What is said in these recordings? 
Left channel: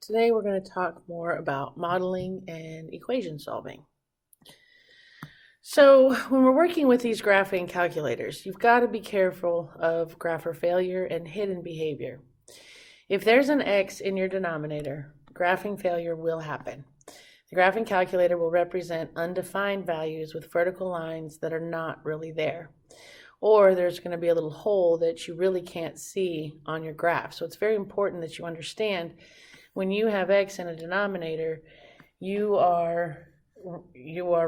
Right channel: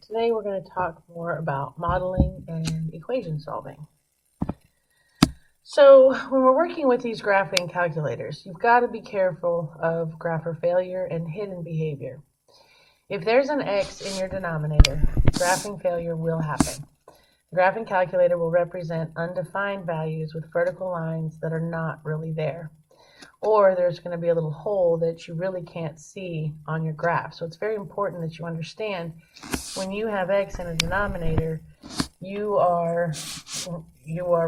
Today we're going to talk more about modeling and equation solving. So when we're working with these graphing calculators, you've got to be careful of grapher failure and hidden behavior. If there's an X in your denominator, graphing failure will happen. The graphing calculator will represent undefined values with vertical lines that are not really there. Or there's going to be a little hole that you really can't see on your graph. So it's very important that you understand when you have X in a denominator, you are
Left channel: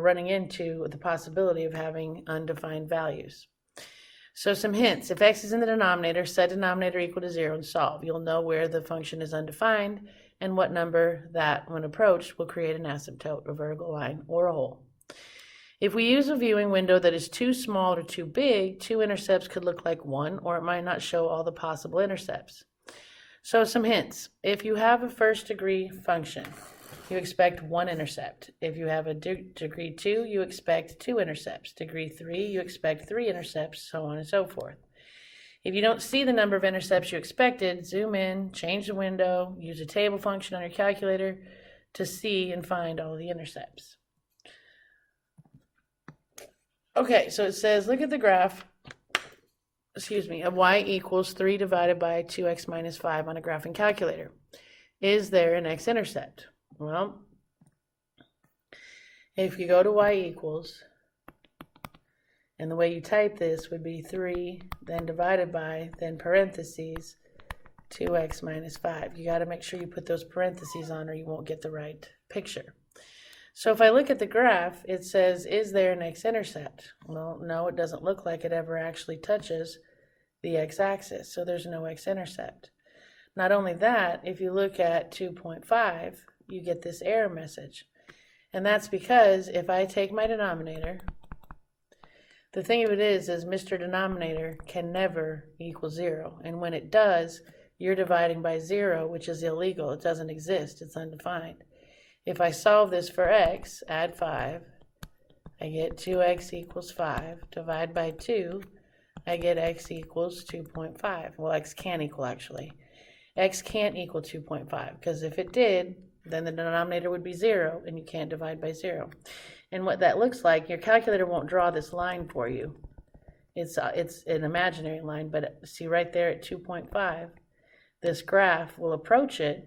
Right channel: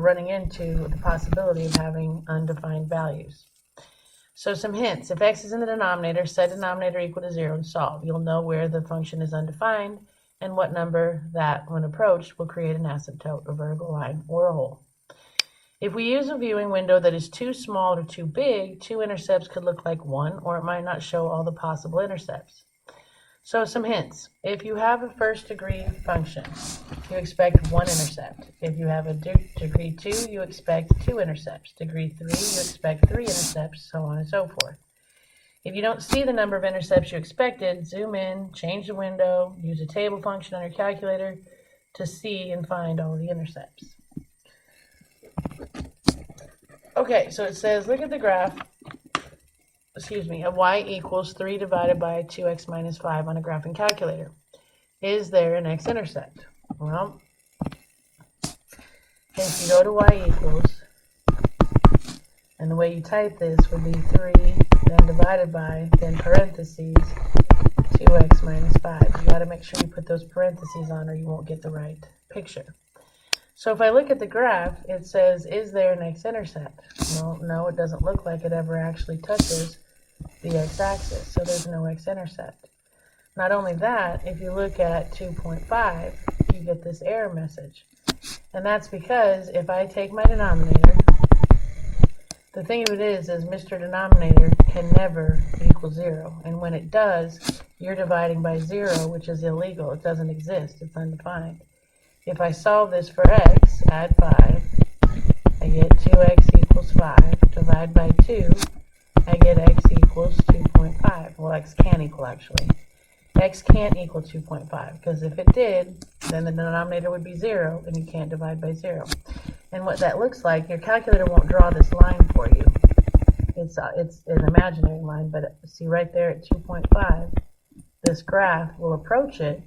running into the possibility of having undefined values. So some hints: if X is in the denominator, set denominator equal to 0 and solve. You'll know where the function is undefined and what number that, when approached, will create an asymptote, a vertical line, or a hole. If we use a viewing window that is too small or too big, two intercepts could look like one, or it might not show all the possible intercepts. So some hints: if you have a first degree function, you expect one intercept. If you have a degree 2, you expect 2 intercepts. Degree 3, you expect 3 intercepts, so on and so forth. If you don't see the number of intercepts you expected, zoom in, change the window, use a table function on your calculator to see and find all the intercepts. Okay, so it says, look at the graph, of y equals 3 divided by 2x minus 5 on a graphing calculator. Is there an x-intercept? Well, if you go to y equals, and the way you type this would be 3, then divided by, then parentheses, 2x minus 5. You got to make sure you put those parentheses on or you won't get the right picture. So if I look at the graph, it says, is there an x-intercept? Well, no, it doesn't look like it ever actually touches the x-axis, so there's no x-intercept. Not only that, if you look at 2.5, you get this error message. And that's because if I take my denominator, the thing of it is Mr. Denominator can never equal 0. And when it does, you're dividing by 0, which is illegal. It doesn't exist. It's undefined. If I solve this for x, add 5, I get 2x equals 5. Divide by 2, I get x equals 2.5. Well, x can't equal, actually. X can't equal 2.5, because if it did, then the denominator would be 0, and you can't divide by 0. And what that looks like, your calculator won't draw this line for you. It's an imaginary line, but see right there at 2.5, this graph will approach it,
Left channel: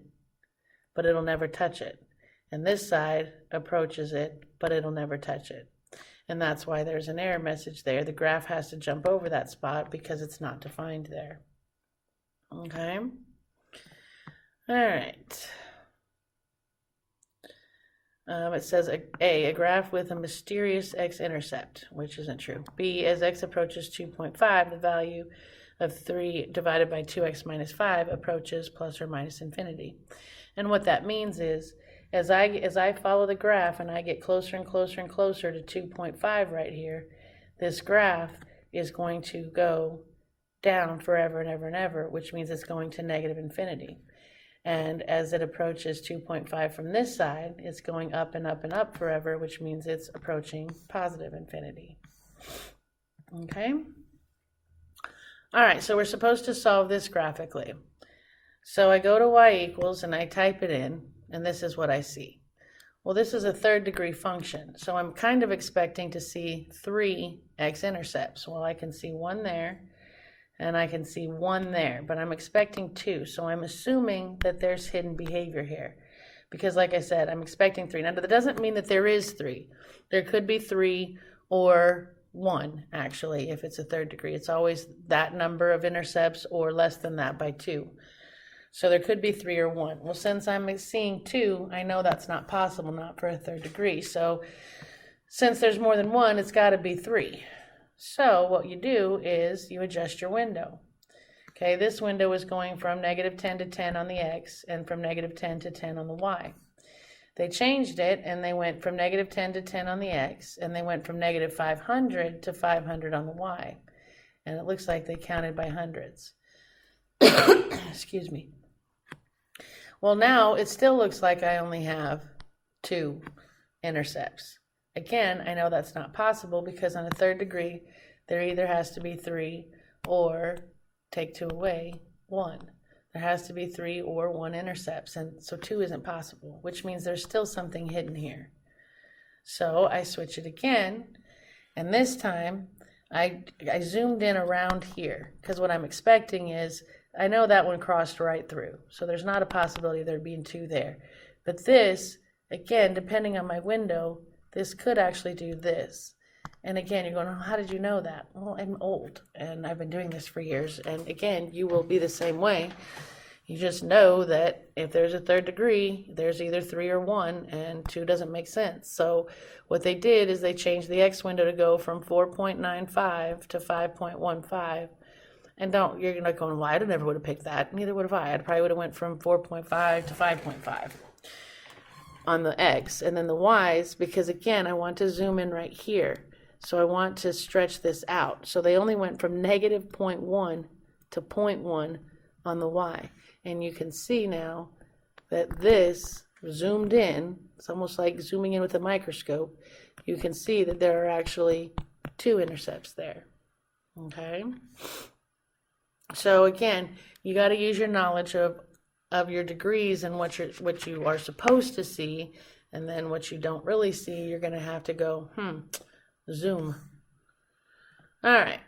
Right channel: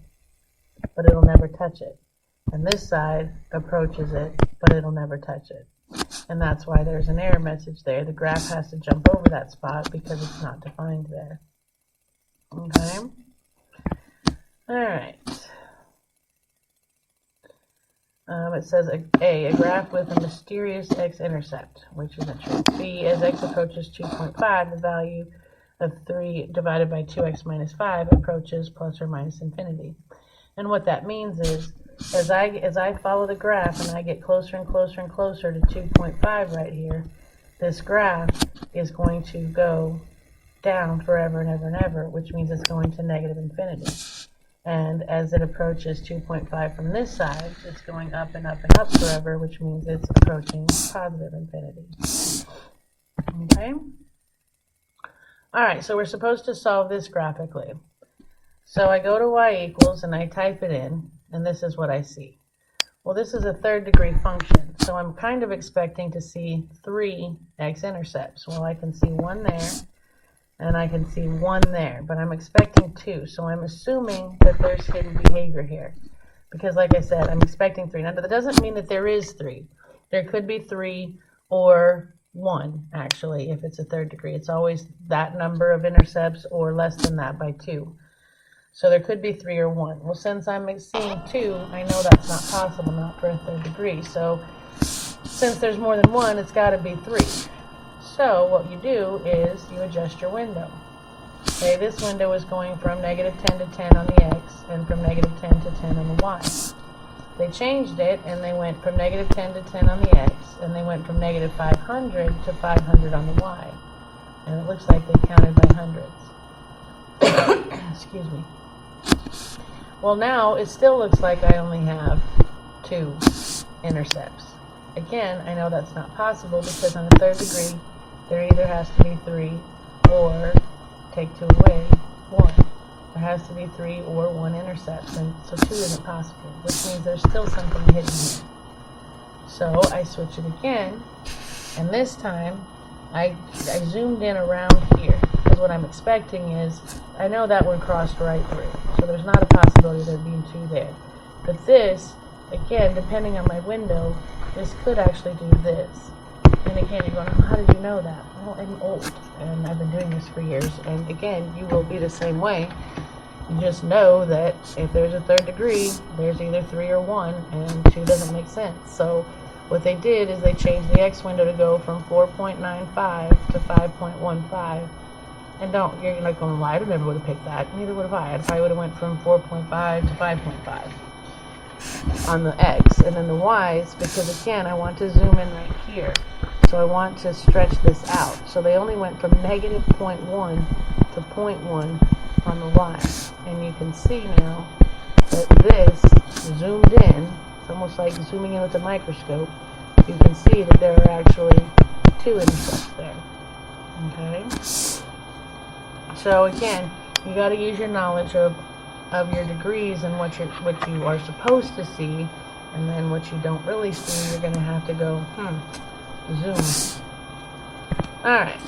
but it'll never touch it. And this side approaches it, but it'll never touch it. And that's why there's an error message there. The graph has to jump over that spot because it's not defined there. Okay? All right. It says A, a graph with a mysterious x-intercept, which isn't true. B, as x approaches 2.5, the value of 3 divided by 2x minus 5 approaches plus or minus infinity. And what that means is, as I follow the graph and I get closer and closer and closer to 2.5 right here, this graph is going to go down forever and ever and ever, which means it's going to negative infinity. And as it approaches 2.5 from this side, it's going up and up and up forever, which means it's approaching positive infinity. Okay? All right, so we're supposed to solve this graphically. So I go to y equals and I type it in, and this is what I see. Well, this is a third degree function, so I'm kind of expecting to see 3 x-intercepts. Well, I can see 1 there, and I can see 1 there, but I'm expecting 2, so I'm assuming that there's hidden behavior here. Because like I said, I'm expecting 3. Now, that doesn't mean that there is 3. There could be 3 or 1, actually, if it's a third degree. It's always that number of intercepts or less than that by 2. So there could be 3 or 1. Well, since I'm seeing 2, I know that's not possible, not for a third degree. So since there's more than 1, it's got to be 3. So what you do is you adjust your window. Okay, this window is going from negative 10 to 10 on the x and from negative 10 to 10 on the y. They changed it and they went from negative 10 to 10 on the x, and they went from negative 500 to 500 on the y. And it looks like they counted by hundreds. Excuse me. Well, now it still looks like I only have 2 intercepts. Again, I know that's not possible because on the third degree, there either has to be 3 or, take 2 away, 1. There has to be 3 or 1 intercepts, and so 2 isn't possible, which means there's still something hidden here. So I switch it again, and this time I zoomed in around here, because what I'm expecting is, I know that one crossed right through, so there's not a possibility of there being 2 there. But this, again, depending on my window, this could actually do this. And again, you're going, oh, how did you know that? Well, I'm old, and I've been doing this for years. And again, you will be the same way. You just know that if there's a third degree, there's either 3 or 1, and 2 doesn't make sense. So what they did is they changed the X window to go from 4.95 to 5.15. And you're not going, well, I never would have picked that. Neither would have I. I probably would have went from 4.5 to 5.5 on the X. And then the Y's, because again, I want to zoom in right here. So I want to stretch this out. So they only went from negative 0.1 to 0.1 on the Y. And you can see now that this zoomed in. It's almost like zooming in with a microscope. You can see that there are actually 2 intercepts there. Okay? So again, you got to use your knowledge of your degrees and what you are supposed to see, and then what you don't really see, you're going to have to go, zoom. Alright,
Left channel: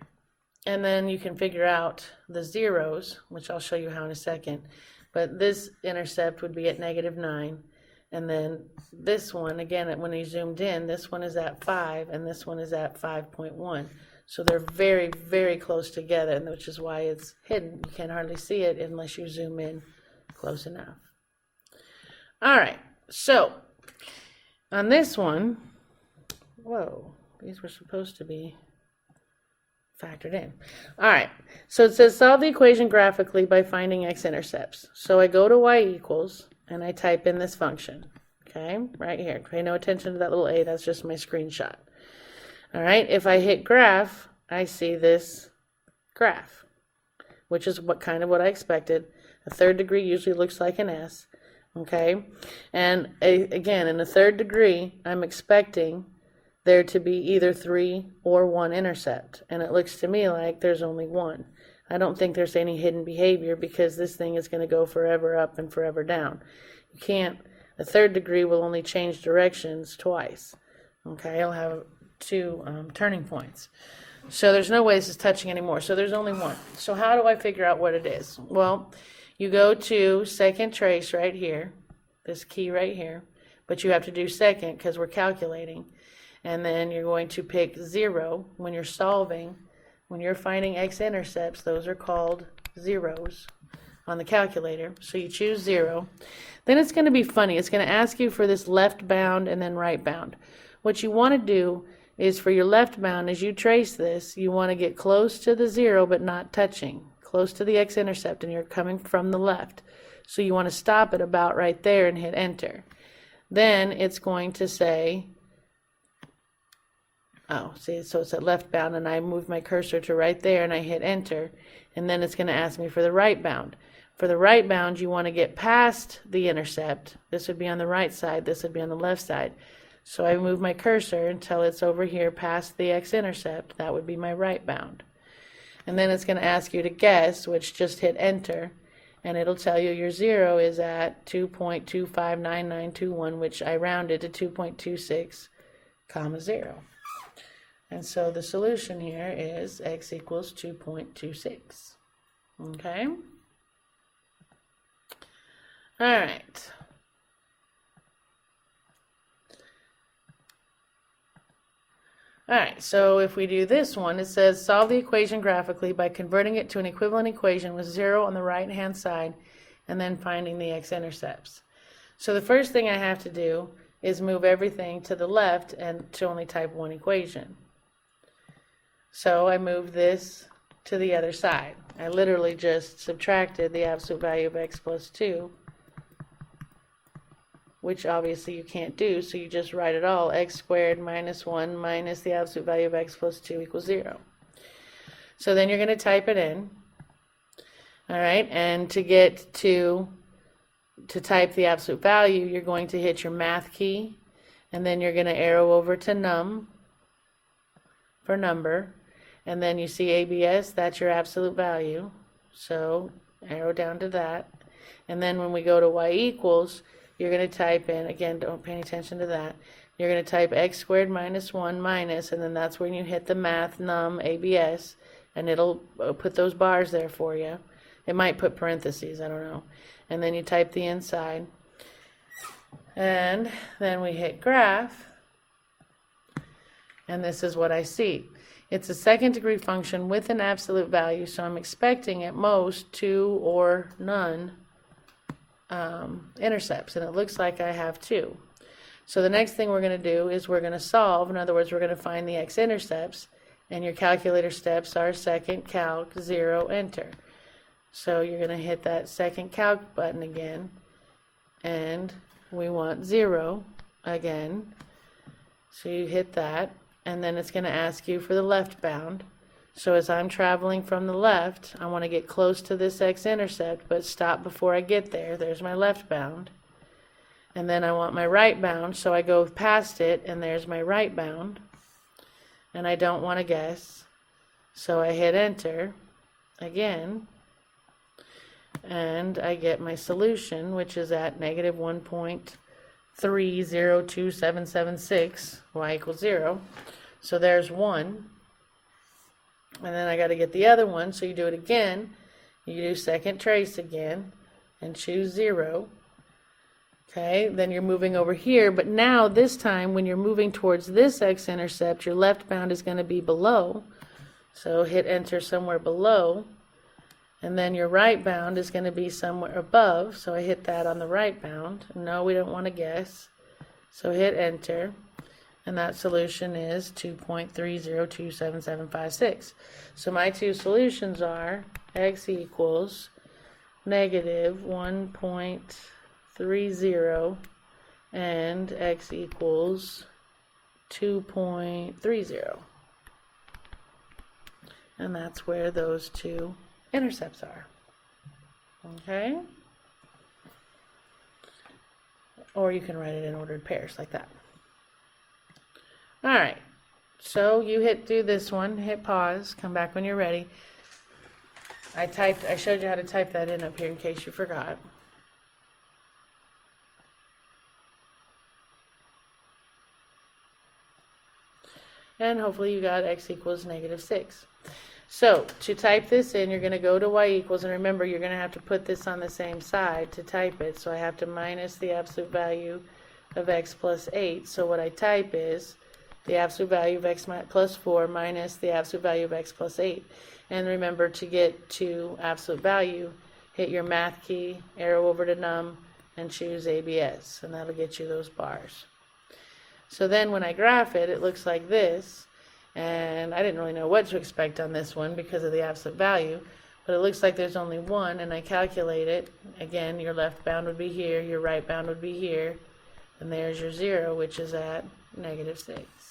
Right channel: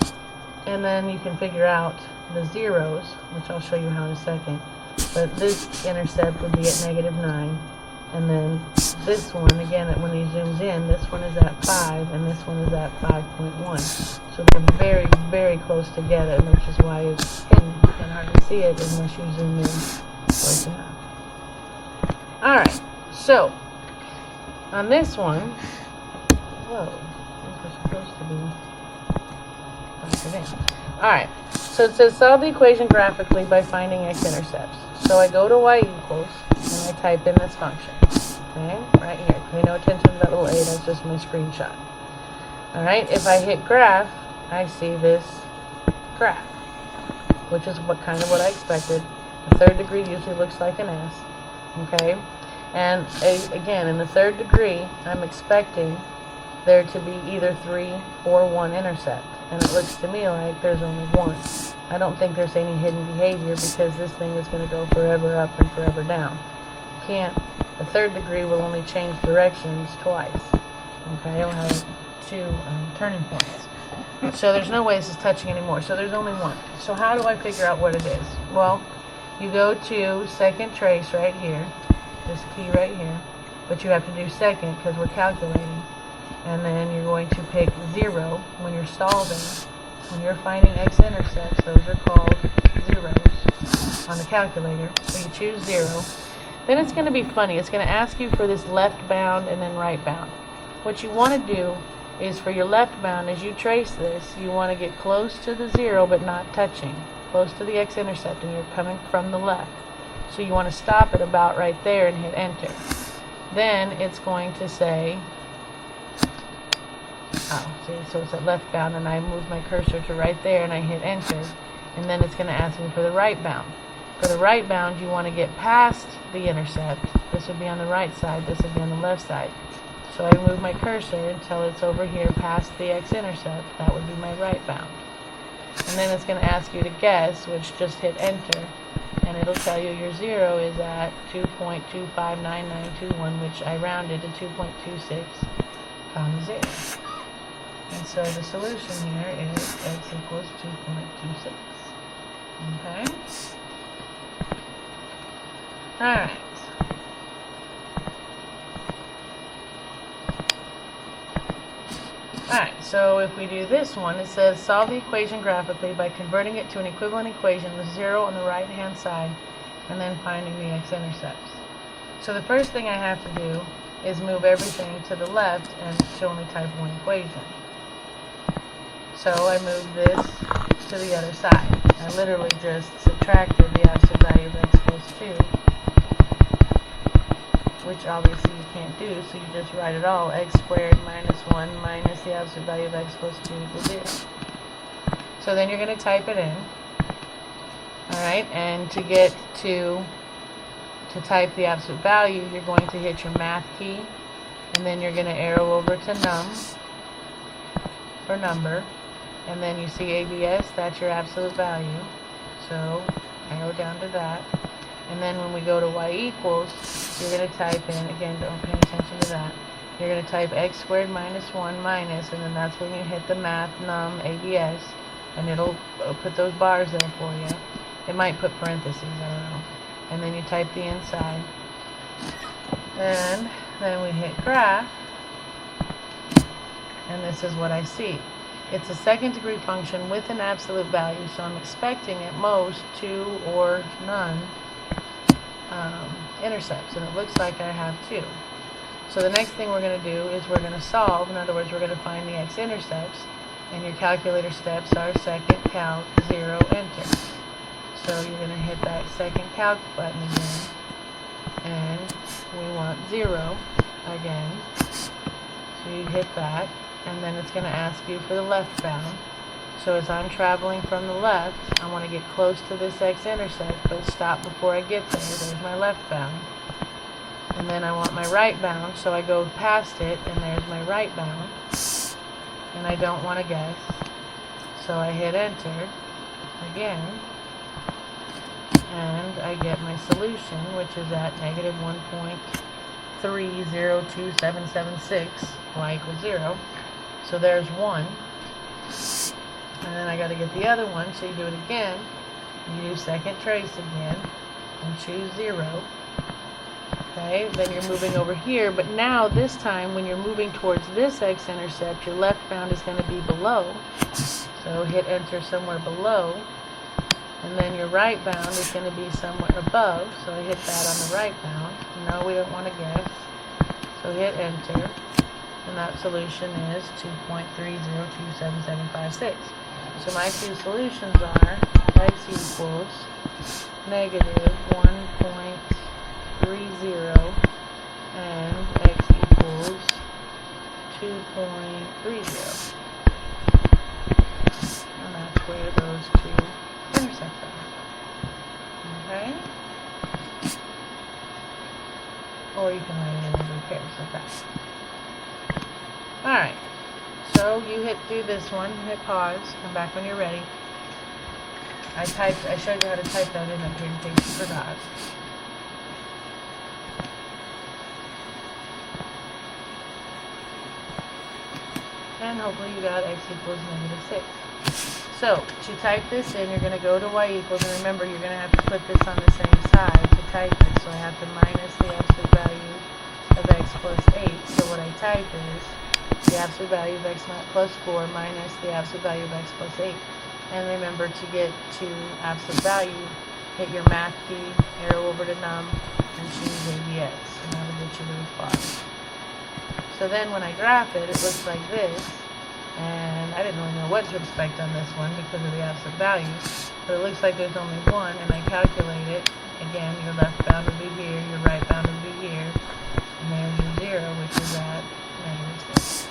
and then you can figure out the zeros, which I'll show you how in a second. But this intercept would be at negative 9, and then this one, again, when he zoomed in, this one is at 5, and this one is at 5.1. So they're very, very close together, which is why it's hidden. You can hardly see it unless you zoom in close enough. Alright, so on this one, whoa, these were supposed to be factored in. Alright, so it says solve the equation graphically by finding x-intercepts. So I go to y equals, and I type in this function. Okay, right here. Pay no attention to that little A, that's just my screenshot. Alright, if I hit graph, I see this graph, which is what I expected. The third degree usually looks like an S. Okay, and again, in the third degree, I'm expecting there to be either 3 or 1 intercept, and it looks to me like there's only 1. I don't think there's any hidden behavior, because this thing is going to go forever up and forever down. The third degree will only change directions twice. Okay, it'll have 2 turning points. So there's no way this is touching anymore. So there's only 1. So how do I figure out what it is? Well, you go to second trace right here, this key right here, but you have to do second because we're calculating. And then you're going to pick 0 when you're solving. When you're finding x-intercepts, those are called zeros on the calculator. So you choose 0. Then it's going to be funny. It's going to ask you for this left bound and then right bound. What you want to do is, for your left bound, as you trace this, you want to get close to the 0 but not touching. Close to the x-intercept, and you're coming from the left. So you want to stop it about right there and hit enter. Then it's going to say, so it's at left bound, and I move my cursor to right there and I hit enter, and then it's going to ask me for the right bound. For the right bound, you want to get past the intercept. This would be on the right side, this would be on the left side. So I move my cursor until it's over here past the x-intercept. That would be my right bound. And then it's going to ask you to guess, which just hit enter, and it'll tell you your 0 is at 2.259921, which I rounded to 2.26, comma 0. And so the solution here is x equals 2.26. Okay? Alright. Alright, so if we do this one, it says solve the equation graphically by converting it to an equivalent equation with 0 on the right-hand side and then finding the x-intercepts. So the first thing I have to do is move everything to the left and to only type one equation. So I move this to the other side. I literally just subtracted the absolute value of x plus 2, which obviously you can't do, so you just write it all. X squared minus 1 minus the absolute value of x plus 2 equals 0. So then you're going to type it in. Alright, and to get to type the absolute value, you're going to hit your math key, and then you're going to arrow over to num for number, and then you see ABS, that's your absolute value. So arrow down to that. And then when we go to y equals, you're going to type in, again, don't pay attention to that, you're going to type x squared minus 1 minus, and then that's when you hit the math num ABS, and it'll put those bars there for you. It might put parentheses, I don't know. And then you type the inside. And then we hit graph, and this is what I see. It's a second degree function with an absolute value, so I'm expecting at most 2 or none intercepts, and it looks like I have 2. So the next thing we're going to do is we're going to solve. In other words, we're going to find the x intercepts, and your calculator steps are second calc 0 enter. So you're going to hit that second calc button again, and we want 0 again, so you hit that, and then it's going to ask you for the left bound. So as I'm traveling from the left, I want to get close to this x-intercept, but stop before I get there. There's my left bound. And then I want my right bound, so I go past it, and there's my right bound. And I don't want to guess, so I hit enter again, and I get my solution, which is at negative 1.302776, y equals 0. So there's 1. And then I got to get the other one, so you do it again. You do second trace again, and choose 0. Okay, then you're moving over here, but now this time when you're moving towards this x-intercept, your left bound is going to be below. So hit enter somewhere below. And then your right bound is going to be somewhere above, so I hit that on the right bound. No, we don't want to guess. So hit enter, and that solution is 2.30277756. So my two solutions are x equals negative 1.30 and x equals 2.30. And that's where those two intercepts are. Okay? Or you can write it in ordered pairs like that. Alright. So you do this one, hit pause, come back when you're ready. I showed you how to type that in up here in case you forgot. And hopefully you got x equals negative 6. So, to type this in, you're going to go to y equals, and remember, you're going to have to put this on the same side to type it. So I have to minus the absolute value of x plus 8. So what I type is the absolute value of x plus 4 minus the absolute value of x plus 8. And remember, to get to absolute value, hit your math key, arrow over to num, and choose ABS. And that'll get you those bars. So then when I graph it, it looks like this. And I didn't really know what to expect on this one because of the absolute value. But it looks like there's only one, and I calculate it. Again, your left bound would be here, your right bound would be here. And there's your 0, which is at negative 6.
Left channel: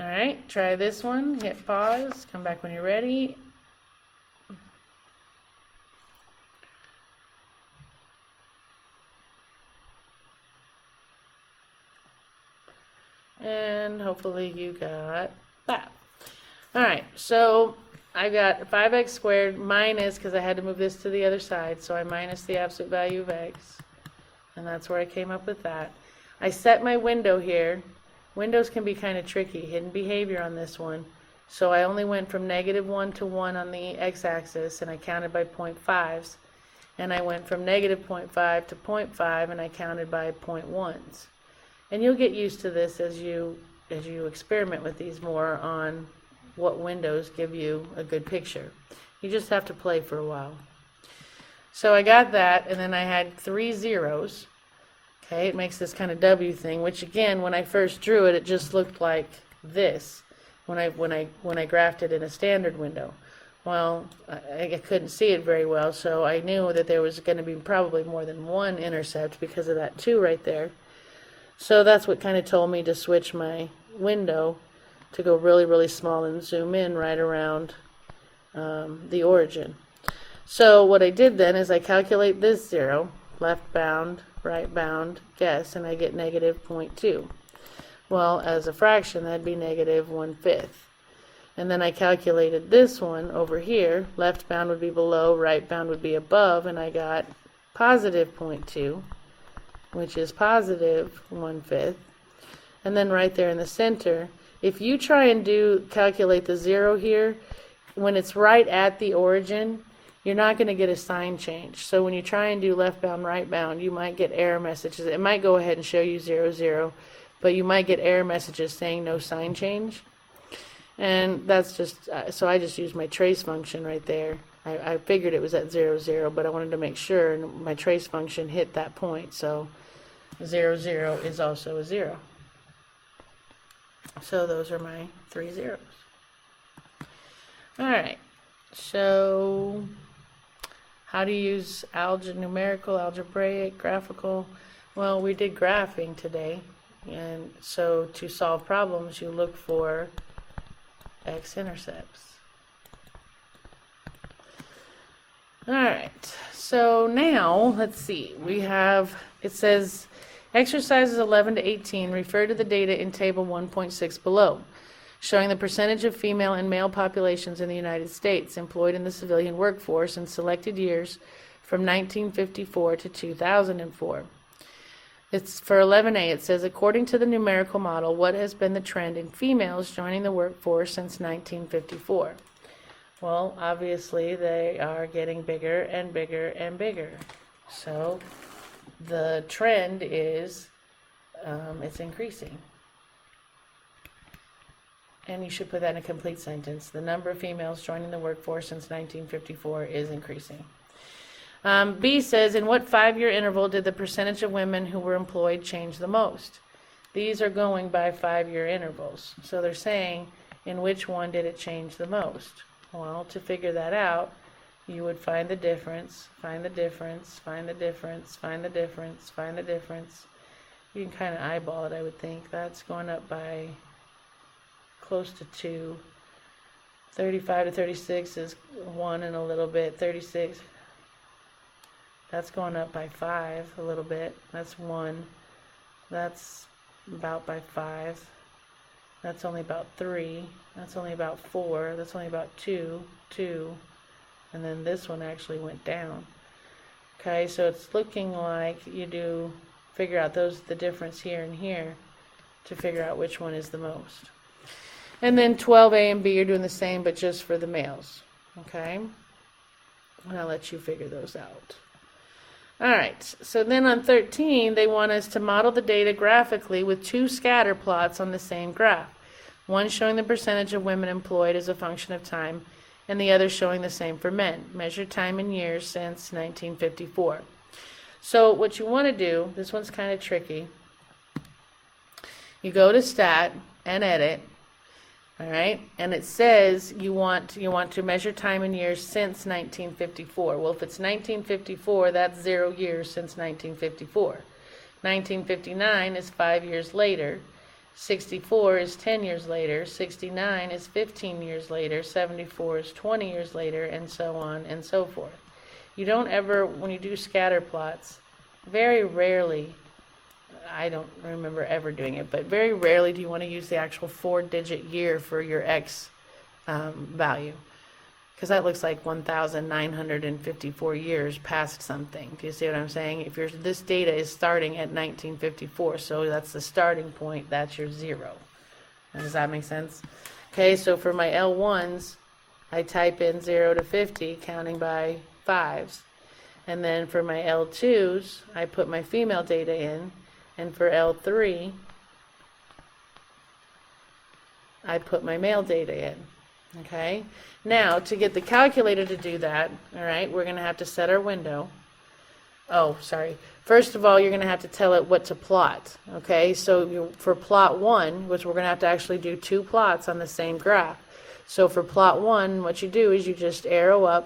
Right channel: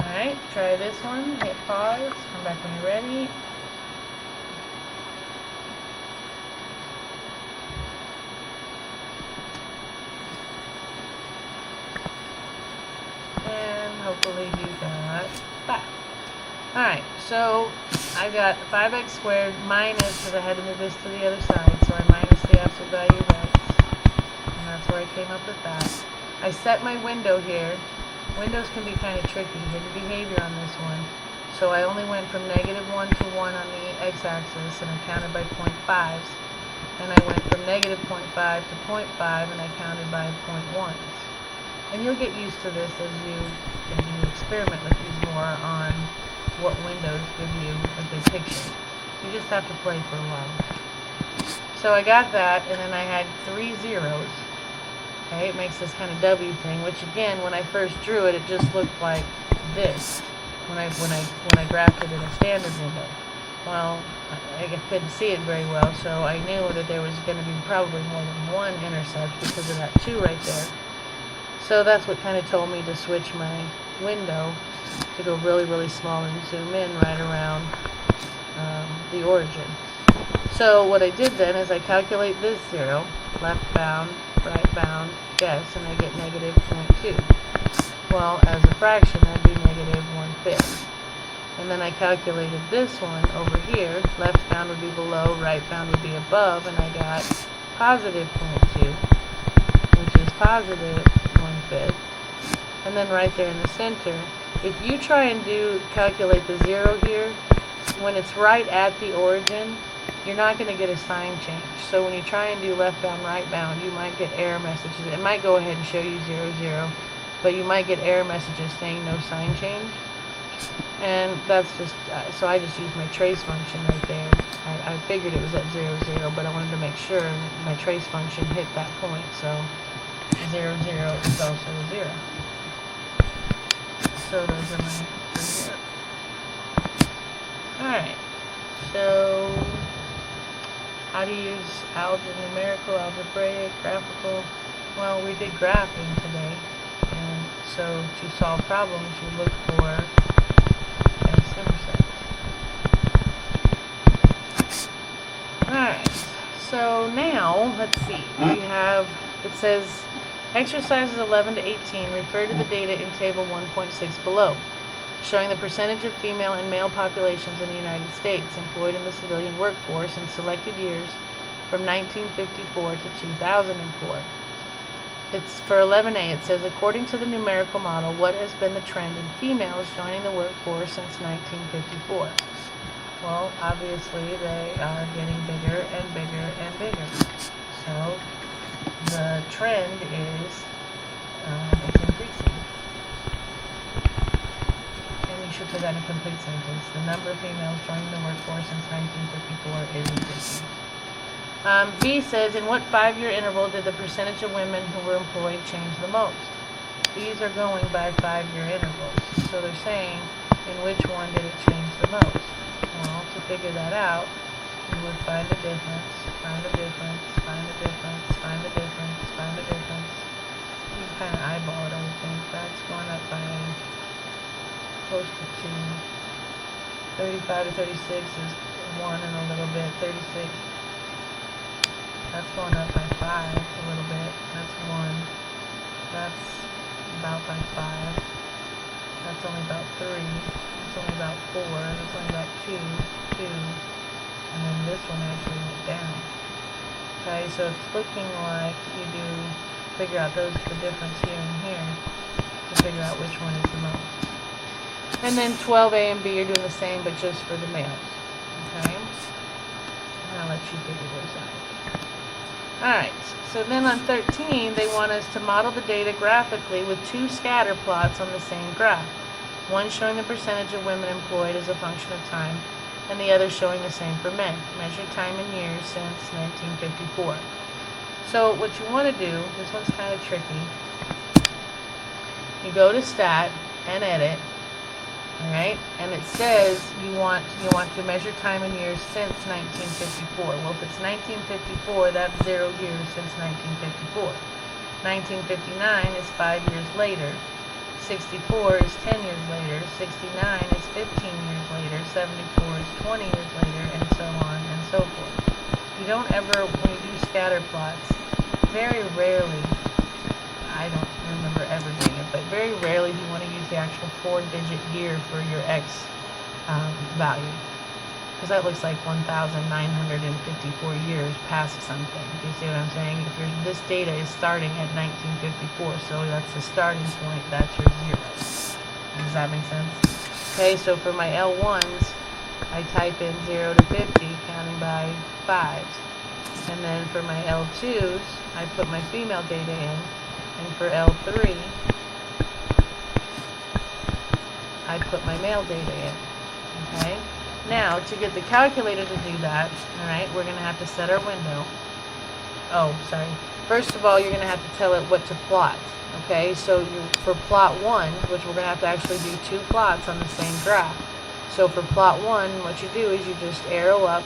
Alright, try this one, hit pause, come back when you're ready. And hopefully you got 5. Alright, so I got 5x squared minus, because I had to move this to the other side, so I minus the absolute value of x. And that's where I came up with that. I set my window here. Windows can be kind of tricky, hidden behavior on this one. So I only went from negative 1 to 1 on the x-axis, and I counted by 0.5s. And I went from negative 0.5 to 0.5, and I counted by 0.1s. And you'll get used to this as you experiment with these more on what windows give you a good picture. You just have to play for a while. So I got that, and then I had 3 zeros. Okay, it makes this kind of W thing, which again, when I first drew it, it just looked like this when I graphed it in a standard window. Well, I couldn't see it very well, so I knew that there was going to be probably more than one intercept because of that 2 right there. So that's what kind of told me to switch my window to go really, really small and zoom in right around the origin. So what I did then is I calculate this 0, left bound, right bound, guess, and I get negative 0.2. Well, as a fraction, that'd be negative 1/5. And then I calculated this one over here. Left bound would be below, right bound would be above, and I got positive 0.2, which is positive 1/5. And then right there in the center, if you try and calculate the 0 here, when it's right at the origin, you're not going to get a sign change. So when you try and do left bound, right bound, you might get error messages. It might go ahead and show you 0, 0, but you might get error messages saying no sign change. And that's just, so I just used my trace function right there. I figured it was at 0, 0, but I wanted to make sure, and my trace function hit that point. So 0, 0 is also a 0. So those are my 3 zeros. Alright, so how to use numerical, algebraic, graphical? Well, we did graphing today, and so to solve problems you look for X intercepts. Alright, so now let's see, we have, it says exercises 11 to 18 refer to the data in table 1.6 below, showing the percentage of female and male populations in the United States employed in the civilian workforce in selected years from 1954 to 2004. It's for 11A, it says, according to the numerical model, what has been the trend in females joining the workforce since 1954? Well, obviously they are getting bigger and bigger and bigger. So the trend is it's increasing. And you should put that in a complete sentence. The number of females joining the workforce since 1954 is increasing. B says, in what 5-year interval did the percentage of women who were employed change the most? These are going by 5-year intervals. So they're saying, in which one did it change the most? Well, to figure that out, you would find the difference, find the difference, find the difference, find the difference, find the difference. You can kind of eyeball it, I would think. That's going up by close to 2. 35 to 36 is 1 and a little bit. 36. That's going up by 5 a little bit. That's 1. That's about by 5. That's only about 3. That's only about 4. That's only about 2. 2. And then this one actually went down. Okay, so it's looking like you do figure out the difference here and here to figure out which one is the most. And then 12A and B are doing the same, but just for the males. Okay? And I'll let you figure those out. Alright, so then on 13, they want us to model the data graphically with 2 scatter plots on the same graph. One showing the percentage of women employed as a function of time, and the other showing the same for men. Measure time in years since 1954. So what you want to do, this one's kind of tricky. You go to Stat and Edit. Alright, and it says you want to measure time in years since 1954. Well, if it's 1954, that's 0 years since 1954. 1959 is 5 years later. 64 is 10 years later. 69 is 15 years later. 74 is 20 years later, and so on and so forth. You don't ever, when you do scatter plots, very rarely, I don't remember ever doing it, but very rarely do you want to use the actual 4-digit year for your X value, because that looks like 1,954 years past something. Do you see what I'm saying? If this data is starting at 1954, so that's the starting point, that's your 0. Does that make sense? Okay, so for my L1s, I type in 0 to 50, counting by 5s. And then for my L2s, I put my female data in. And for L3, I put my male data in. Okay? Now, to get the calculator to do that, alright, we're going to have to set our window. Oh, sorry. First of all, you're going to have to tell it what to plot. Okay? So for plot 1, which we're going to have to actually do 2 plots on the same graph. So for plot 1, what you do is you just arrow up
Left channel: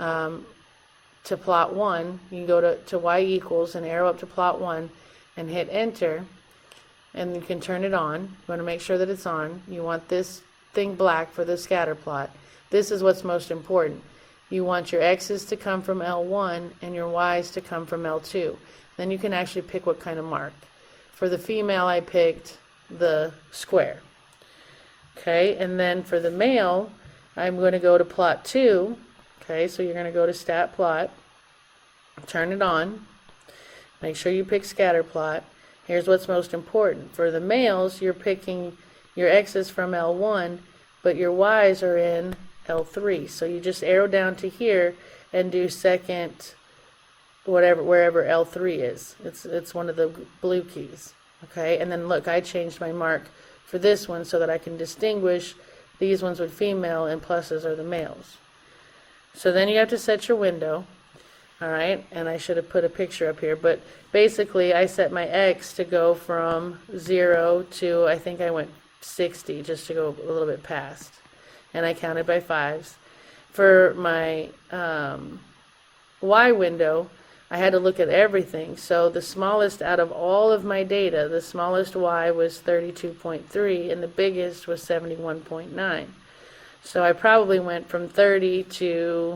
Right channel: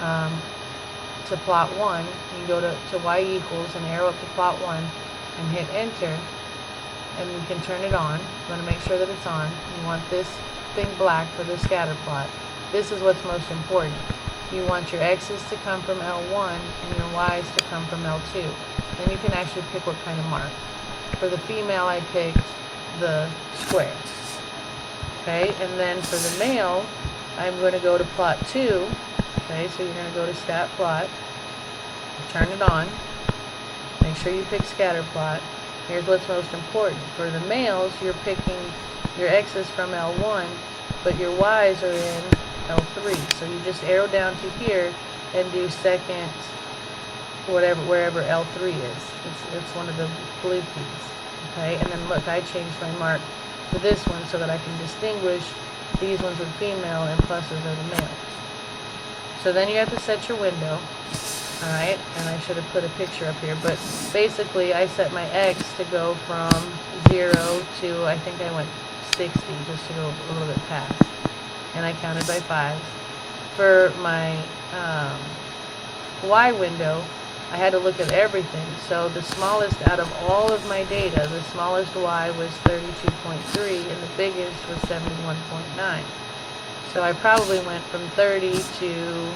to plot 1. You go to y equals and arrow up to plot 1. And hit enter, and you can turn it on. You want to make sure that it's on. You want this thing black for the scatter plot. This is what's most important. You want your x's to come from L1 and your y's to come from L2. Then you can actually pick what kind of mark. For the female, I picked the square. Okay, and then for the male, I'm going to go to plot 2. Okay, so you're going to go to stat plot, turn it on, make sure you pick scatter plot. Here's what's most important. For the males, you're picking your x's from L1, but your y's are in L3. So you just arrow down to here and do second, wherever L3 is. It's one of the blue keys. Okay, and then look, I changed my mark for this one so that I can distinguish these ones with female and pluses are the males. So then you have to set your window. Alright, and I should have put a picture up here, but basically I set my X to go from 0 to, I think I went 60, just to go a little bit past. And I counted by 5s. For my Y window, I had to look at everything. So the smallest out of all of my data, the smallest Y was 32.3, and the biggest was 71.9. So I probably went from 30 to,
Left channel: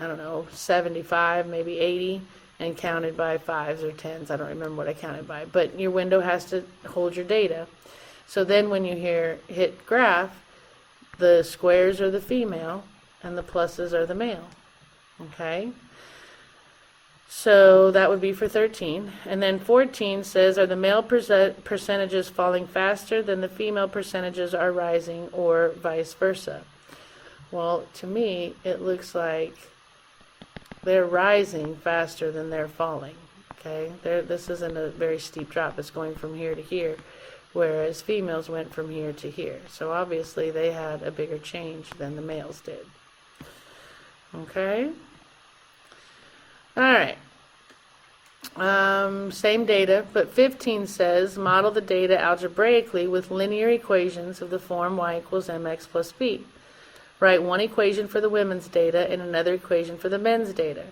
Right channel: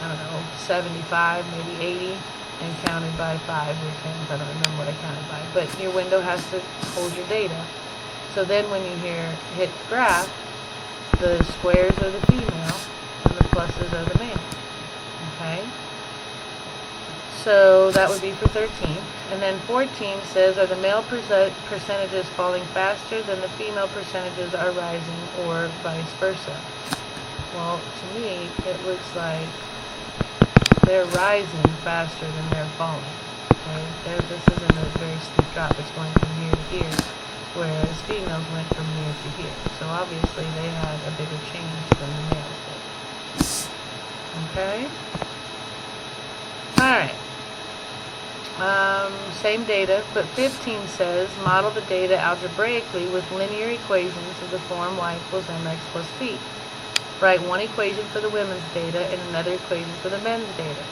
I don't know, 75, maybe 80, and counted by 5s or 10s. I don't remember what I counted by. But your window has to hold your data. So then when you hit graph, the squares are the female, and the pluses are the male. Okay? So that would be for 13. And then 14 says, are the male percentages falling faster than the female percentages are rising, or vice versa? Well, to me, it looks like they're rising faster than they're falling. Okay, this isn't a very steep drop. It's going from here to here, whereas females went from here to here. So obviously they had a bigger change than the males did. Okay. All right. Same data, but 15 says, model the data algebraically with linear equations of the form y equals mx plus b. Write one equation for the women's data and another equation for the men's data.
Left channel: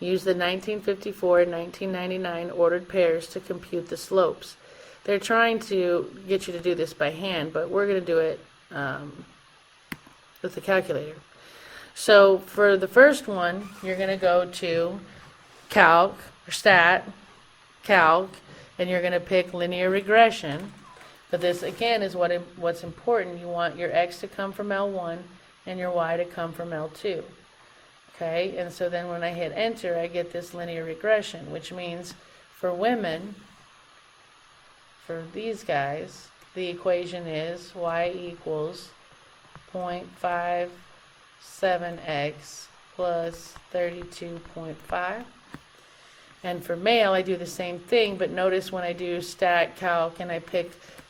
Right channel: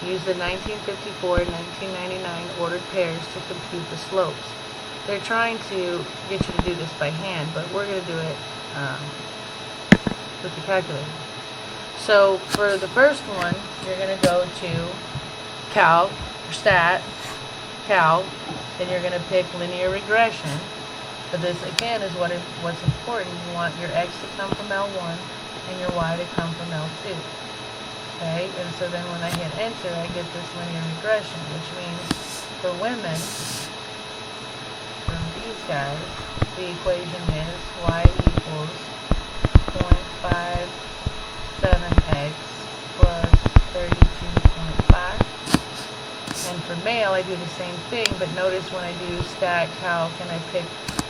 Use the 1954 and 1999 ordered pairs to compute the slopes. They're trying to get you to do this by hand, but we're going to do it with the calculator. So for the first one, you're going to go to calc, or stat, calc, and you're going to pick linear regression. But this again is what's important. You want your x to come from L1 and your y to come from L2. Okay, and so then when I hit enter, I get this linear regression, which means for women, for these guys, the equation is y equals 0.57x plus 32.5. And for male, I do the same thing, but notice when I do stat, calc, and I pick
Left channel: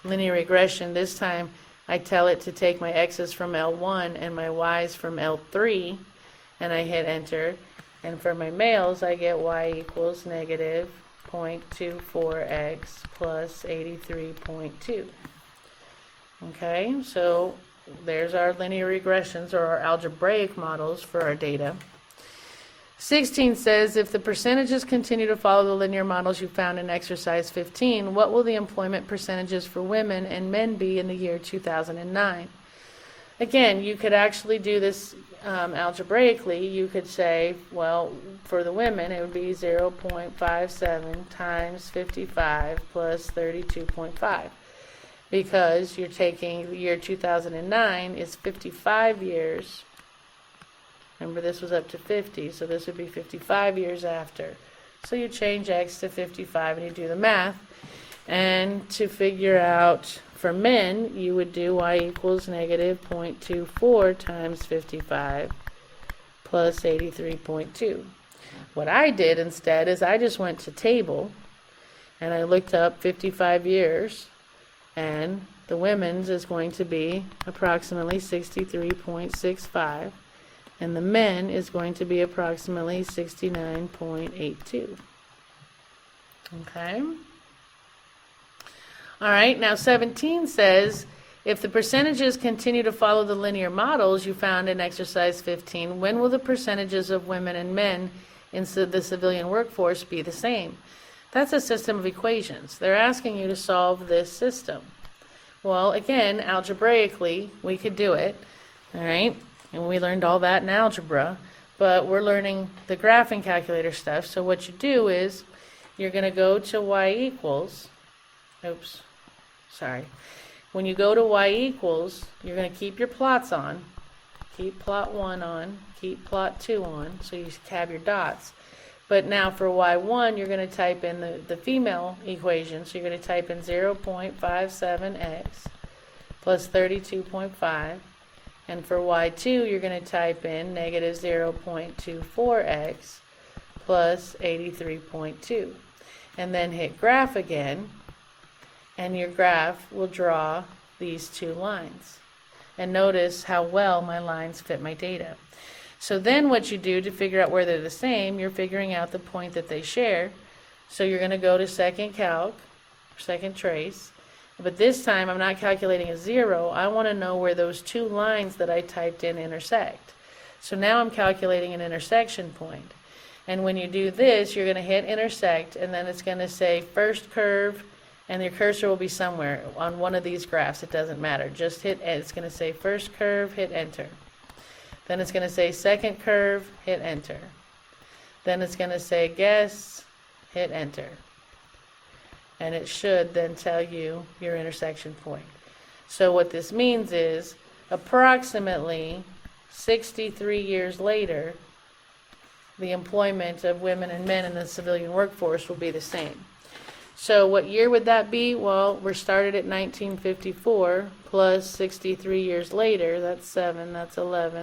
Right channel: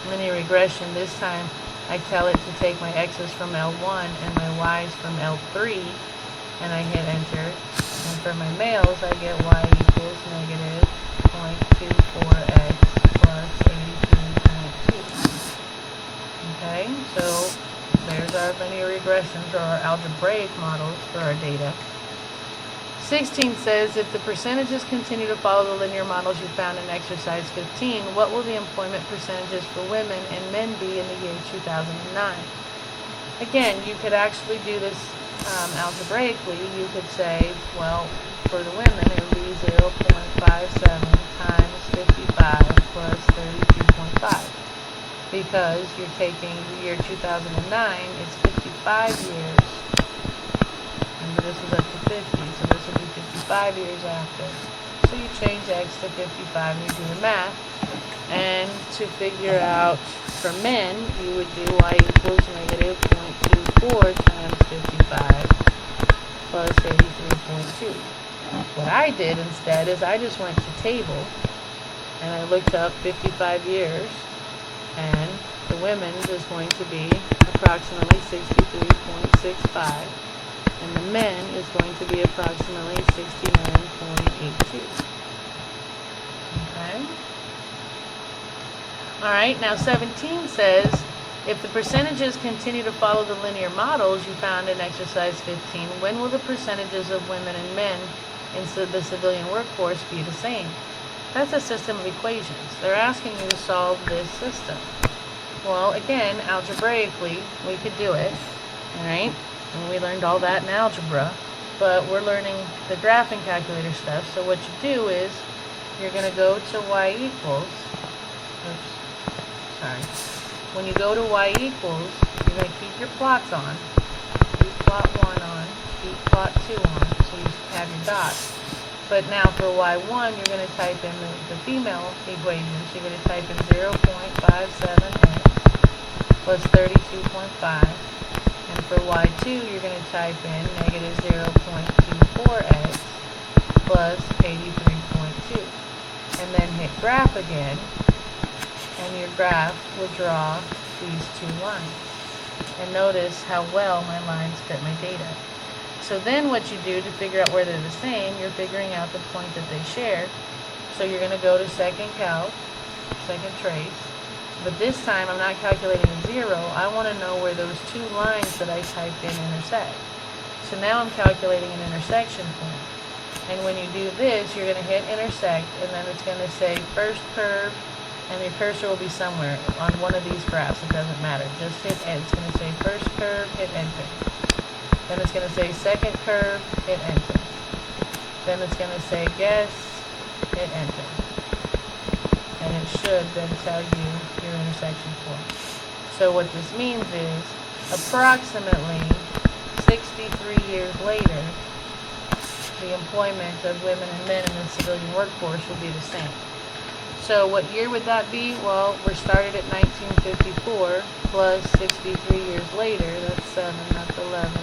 linear regression, this time I tell it to take my x's from L1 and my y's from L3, and I hit enter. And for my males, I get y equals negative 0.24x plus 83.2. Okay, so there's our linear regressions, or our algebraic models for our data. 16 says, if the percentages continue to follow the linear models you found in exercise 15, what will the employment percentages for women and men be in the year 2009? Again, you could actually do this algebraically. You could say, well, for the women, it would be 0.57 times 55 plus 32.5. Because you're taking the year 2009 is 55 years. Remember, this was up to 50, so this would be 55 years after. So you change x to 55 and you do the math. And to figure out for men, you would do y equals negative 0.24 times 55 plus 83.2. What I did instead is I just went to table and I looked up 55 years, and the women's is going to be approximately 63.65. and the men is going to be approximately 69.82. Okay. Alright, now 17 says, if the percentages continue to follow the linear models you found in exercise 15, when will the percentages of women and men in the civilian workforce be the same? That's a system of equations. They're asking you to solve this system. Well, again, algebraically, we could do it. Alright? And we learned all that in algebra, but we're learning the graphing calculator stuff. So what you do is you're going to go to y equals, when you go to y equals, you're going to keep your plots on. Keep plot 1 on, keep plot 2 on, so you have your dots. But now for y1, you're going to type in the female equation. So you're going to type in 0.57x plus 32.5. And for y2, you're going to type in negative 0.24x plus 83.2. And then hit graph again, and your graph will draw these two lines. And notice how well my lines fit my data. So then what you do to figure out where they're the same, you're figuring out the point that they share. So you're going to go to second calc, second trace. But this time I'm not calculating a 0. I want to know where those two lines that I typed in intersect. So now I'm calculating an intersection point. And when you do this, you're going to hit intersect, and then it's going to say first curve, and your cursor will be somewhere on one of these graphs. It doesn't matter. Just hit, it's going to say first curve, hit enter. Then it's going to say second curve, hit enter. Then it's going to say guess, hit enter. And it should then tell you your intersection point. So what this means is approximately 63 years later, the employment of women and men in the civilian workforce will be the same. So what year would that be? Well, we're started at 1954 plus 63 years later. That's 7, that's 11,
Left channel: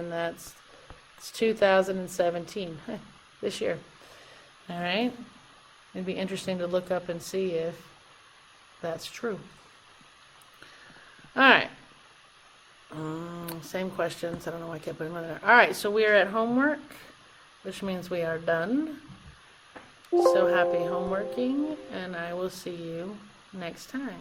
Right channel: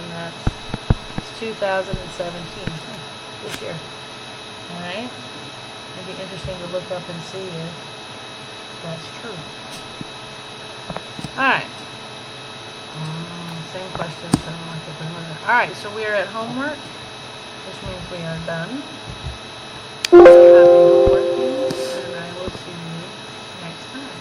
it's 2017, this year. All right? It'd be interesting to look up and see if that's true. All right. Same questions. I don't know why I kept remembering that. All right, so we are at homework, which means we are done. So happy homeworking, and I will see you next time.